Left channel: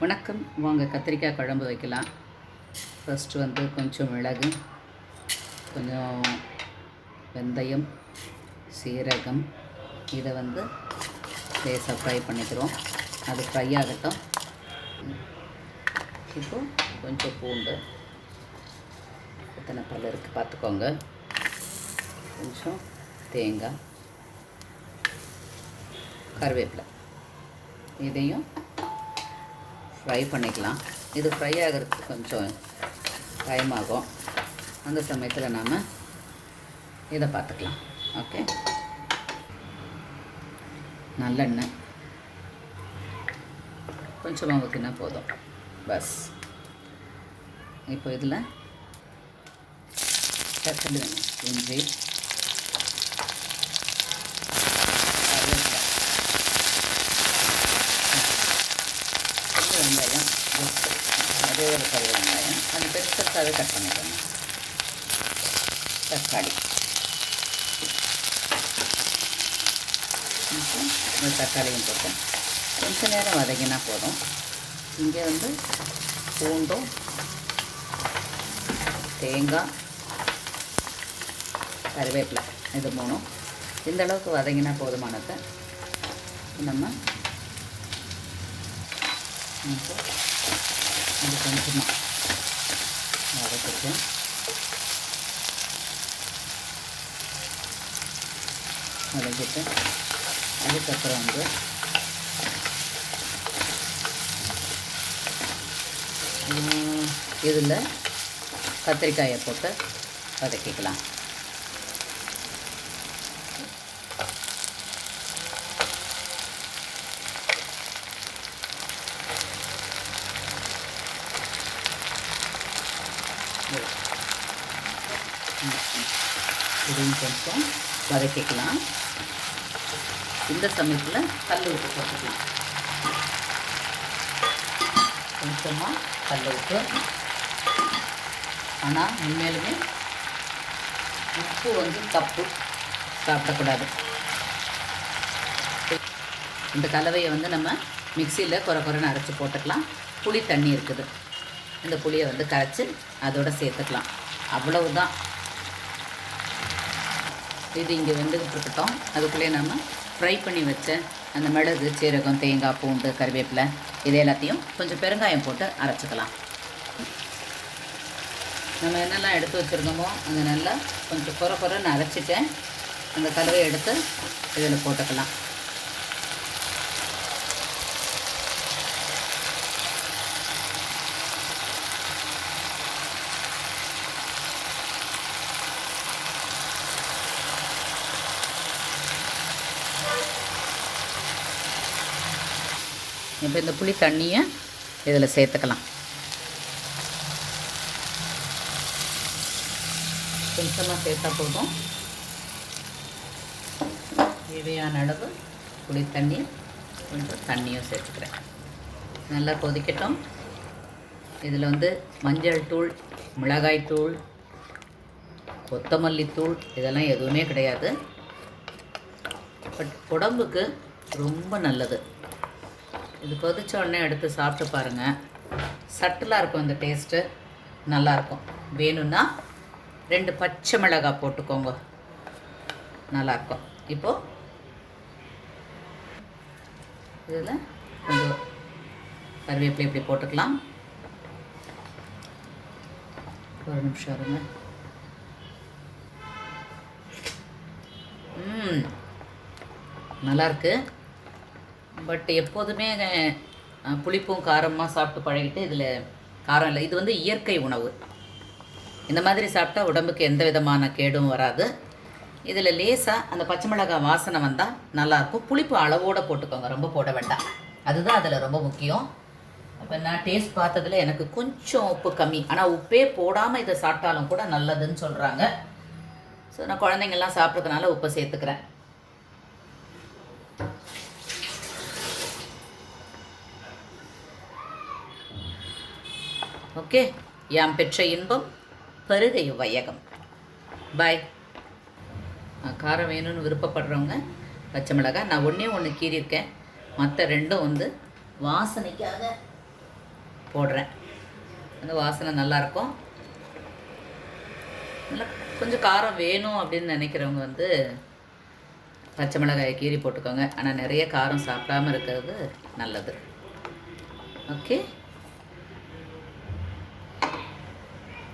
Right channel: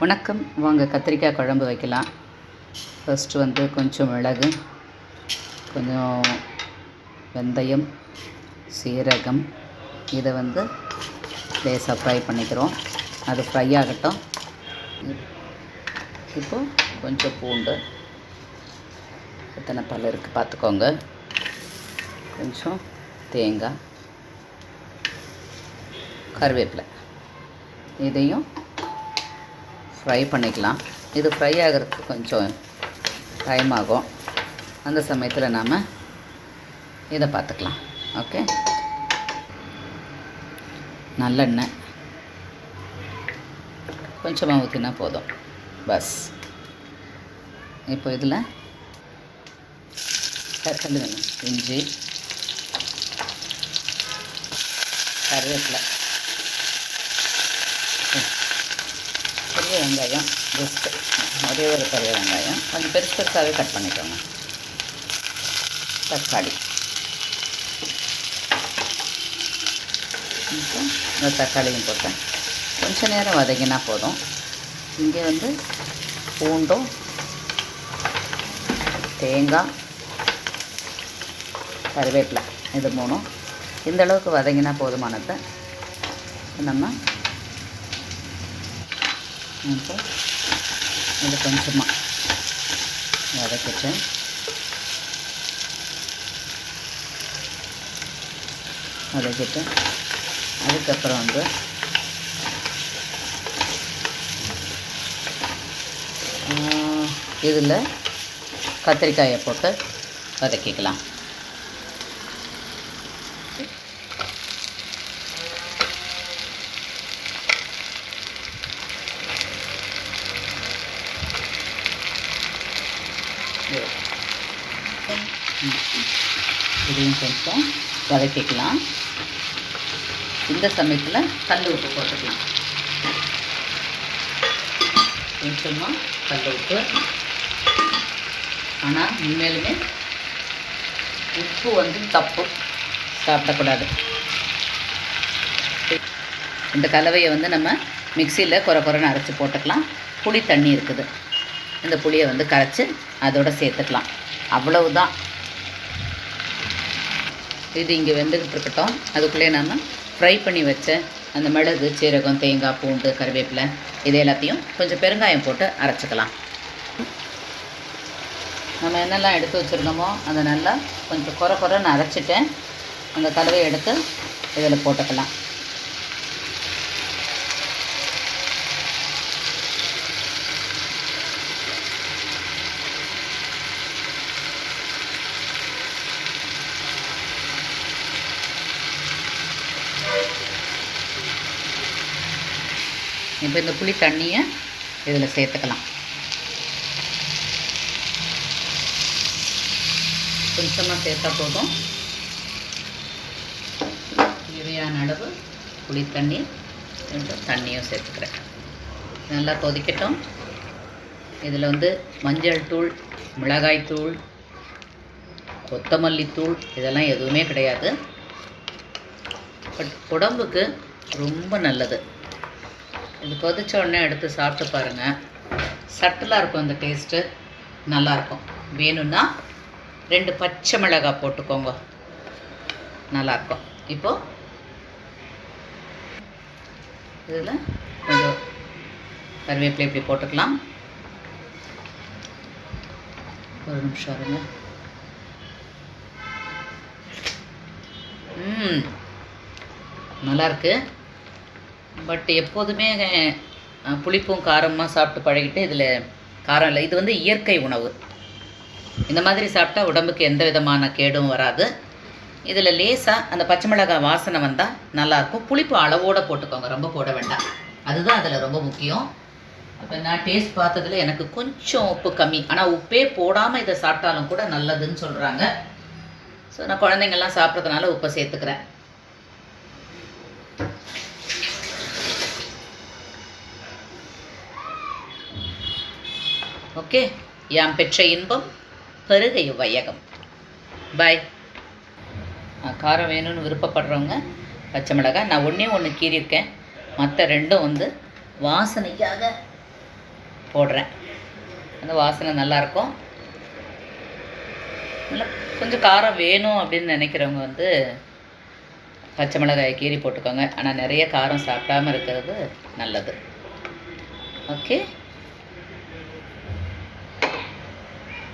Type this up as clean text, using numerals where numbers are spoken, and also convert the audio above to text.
வணக்கம். வாங்க கத்திரிக்காய் குழம்பு வைக்கலாம். ஃபஸ்ட்டு வந்து கொஞ்சம் மிளகு, கொஞ்சம் வெந்தயம், சீரகம் இதை வந்து லேசாக ஃப்ரை பண்ணிக்கிறோம். அது ஃப்ரை ஆகட்டும். இப்போது கொஞ்சம் பூண்டு, எத்தனை பல் இருக்குது பார்த்துக்கோங்க. கொஞ்சம் தேங்காய், கருவேப்பிலை இதையும் ஃப்ரை பண்ணிக்கலாம். இது ஃப்ரை ஆகிறதுக்கு கொஞ்சம் டைம் ஆகும். அந்த சமயத்தில் நாம் இதை பார்த்துக்கலாம். ஓகே, நல்லெண்ணெய் கொஞ்சமாக ஊற்றினா போதும். பஸ் இப்போ இதில் இஞ்சி, கருவேப்பிலை, பெரிய வெங்காயம், ஜஸ்ட்டு ஒரே ஒரு பெரிய வெங்காயம் கொஞ்சம் பெருசாகவே கட் பண்ணிக்கோங்க. தக்காளி, இந்த தக்காளியும் போட்டேன். கொஞ்சம் நேரம் வதங்கினா போதும். இங்கே வந்து பூண்டும், தேங்காய், கருவேப்பிலை இது மூணும் இந்த அளவுக்கு வதங்கினா போதுமானதை நம்ம இது கொஞ்சமாக வதக்கிட்டு அதுக்கப்புறம் வந்து இதில் கத்திரிக்காயை போட்டு வதக்கிக்கலாம். இதையும் கொஞ்சம் வதக்கிக்கலாம். இந்த சமயத்தில் கல் உப்பு போட்டுக்கலாம். கொஞ்சமாக கல் உப்பு. ஆனால் உண்மையிலுமே உப்பு வந்து தப்பு, சாப்பிடக்கூடாது. இந்த கலவையை வந்து நம்ம மிக்சியில் குறைன்னு அரைச்சி போட்டுக்கலாம். புளி தண்ணி இருக்குது, இந்த புளியை வந்து கரைச்சி அதோடு சேர்த்துக்கலாம். அவ்வளவுதான். இது இங்கே வெந்துக்கிட்டு இருக்கட்டும். அதுக்குள்ளே நம்ம ஃப்ரை பண்ணி வச்ச அந்த மிளகு, சீரகம், தேங்காய், பூண்டு, கருவேப்பிலை இது எல்லாத்தையும் கொஞ்சம் பெருங்காயம் போட்டு அரைச்சிக்கலாம். நம்ம என்னெல்லாம் எடுத்து வச்சுருந்தோமோ அதை நல்லா கொஞ்சம் குறைன்னு அரைச்சிட்டேன். அந்த கலவையை எடுத்து இதில் போட்டுக்கலாம். இப்போ இந்த புளி தண்ணியை இதில் சேர்த்துக்கலாம். கொஞ்சமாக சேர்த்தா போதும். தேவையான அளவு புளி தண்ணி, கொஞ்சம் தண்ணியும் சேர்த்துக்கிறேன். நல்லா கொதிக்கட்டும். இதில் வந்து மஞ்சள் தூள், மிளகாய் தூள், கொத்தமல்லி தூள் இதெல்லாம் எதுவுமே கிடையாது. பட் உடம்புக்கு ரொம்ப நல்லது. இது கொதிச்ச உடனே எடுத்து சாப்பிட்டு பாருங்கள். சட்டிலாக இருக்கும், அந்த டேஸ்ட்டு நல்லாயிருக்கும். வேணும்னா 2 பச்சை மிளகாய் போட்டுக்கோங்க, நல்லாயிருக்கும். இப்போது இதில் கொஞ்சம் கருவேப்பிலை இப்படி போட்டுக்கலாம். ஒரு நிமிஷம் இருங்க. நல்லாயிருக்கு. பட் எப்போதுமே புளிப்பும் காரமாக சாப்பிட்டு பழகிட்டு இதில் காரம் இல்லை. இது வந்து இயற்கை உணவு. இந்த மாதிரி சாப்பிட்டா உடம்புக்கு எந்த விதமான கேடும் வராது. இதில் லேசாக அந்த பச்சை மிளகாய் வாசனை வந்தால் நல்லாயிருக்கும். புளிப்பு அளவோடு போட்டுக்கோங்க, ரொம்ப போட வேண்டாம். அதுதான் அதில் ரொம்ப முக்கியம். அப்போ நான் டேஸ்ட் பார்த்ததில் எனக்கு கொஞ்சம் உப்பு கம்மி. ஆனால் உப்பே போடாமல் இதை சாப்பிட்டாலும் கூட நல்லதுன்னு சொல்கிறாங்க. ஸோ நான் குழந்தைங்கள்லாம் சாப்பிட்றதுனால உப்பை சேர்த்துக்கிறேன். ஓகே, யாம் பெற்ற இன்பம் பெருகை வையகம். பாய். காரம் வேணும்னு விருப்பப்படுறவங்க பச்சை மிளகாய் நான் ஒன்றே ஒன்று கீறியிருக்கேன். மற்ற ரெண்டும் வந்து வாசனைக்காக போடுறேன். அந்த வாசனை நல்லாயிருக்கும். நல்லா கொஞ்சம் காரம் வேணும் அப்படின்னு நினைக்கிறவங்க வந்து பச்சை மிளகாய் கீரி போட்டுக்கோங்க. ஆனால் நிறைய காரம் சாப்பிடாமல் இருக்கிறது நல்லது. ஓகே.